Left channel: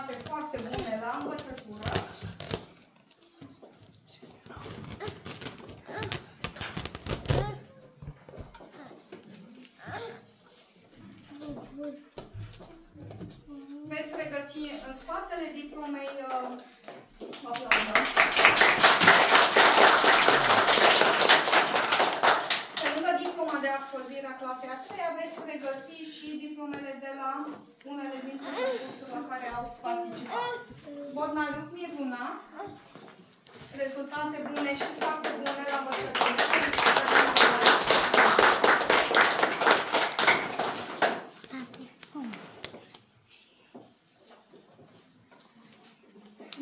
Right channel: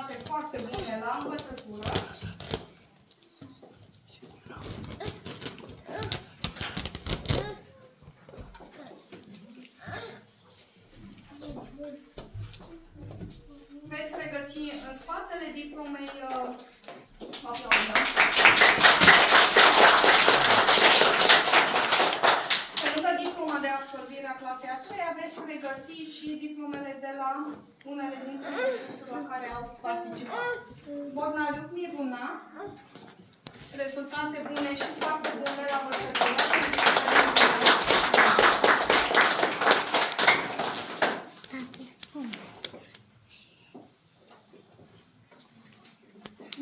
Rezultate foarte bune la învățătură. Veți regăsi în spatele diplomei pe lângă diploma de absolvire a clasei a 3-a veți regăsi și diplomele de la unele dintre cursurile la care au participat. Bornariuc Miruna, rezultate bune și foarte bune la învățătură.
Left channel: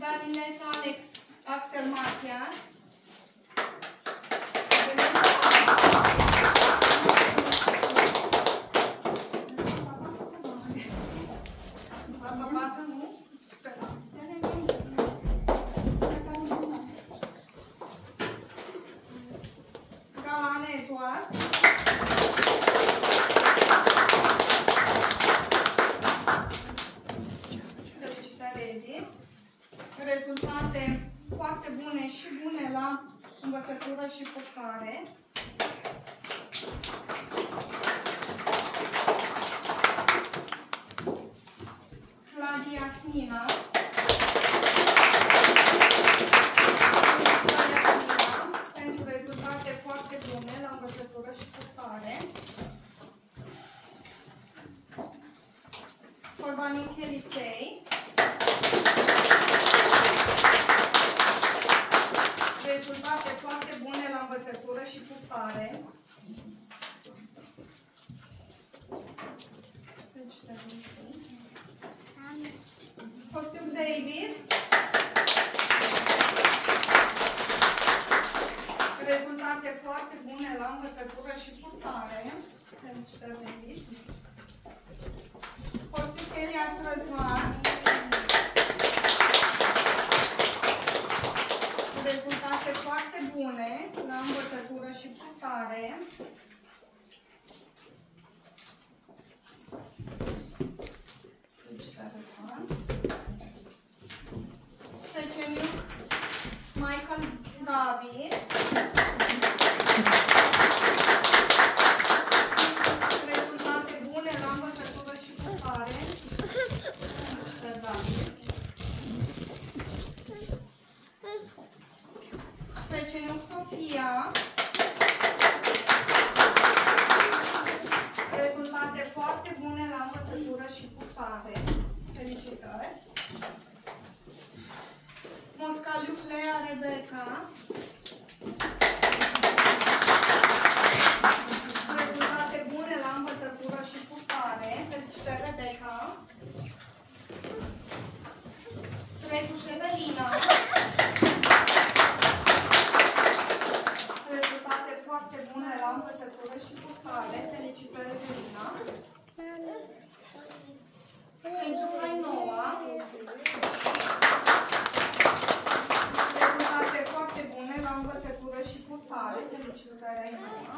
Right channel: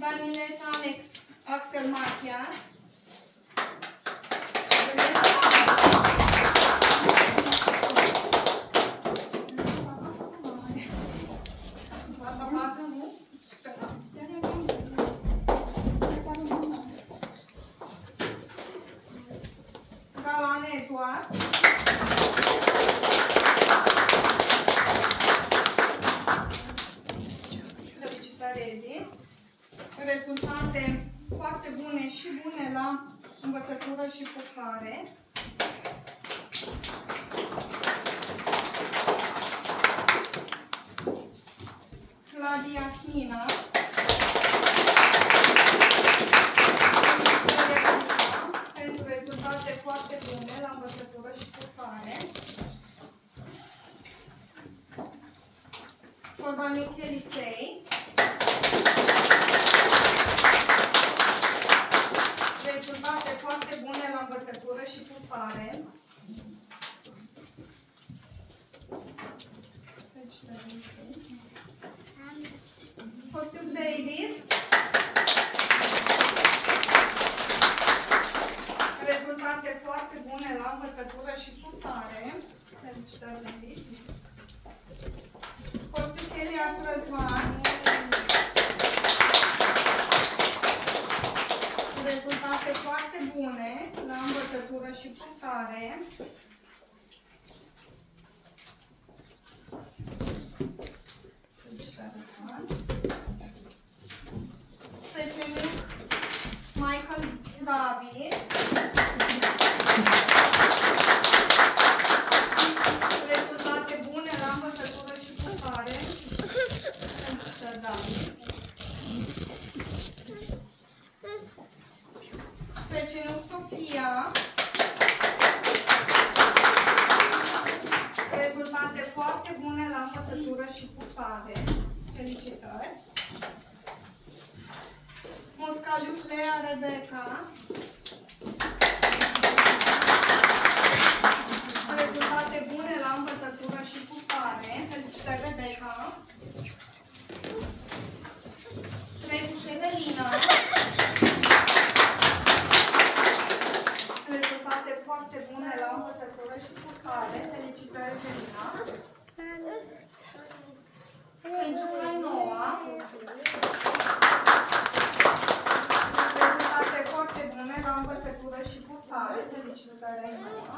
Danileț Alex Axel Matias. Galane Eduard. Felicitări, Edi. Rezultate foarte bune și bune la învățătură și purtare. Claudia Smina. Pentru rezultate foarte bune la învățătură și purtare. Corbaniuc Elisei. Rezultate foarte bune la învățătură și purtare. Costur David. Rezultate foarte bune la învățătură și purtare. Felicitări, David. Costur Elias Răzvan. Rezultate foarte bune la învățătură și purtare. Trecem Michael David. Rezultate bune la învățătură și purtare. David. Trecem Sofia. Rezultate foarte bune la învățătură și purtare. Felicitări. Moscaliu Clea Rebecca. Rezultate bune la învățătură și purtare. Felicitări, Rebecca. Trecuș Evelina. Rezultate foarte bune la învățătură și purtare. Felicitări, Evelina. Sfântul Noua. Rezultate foarte bune la învățătură și purtare. Felicitări, Noua.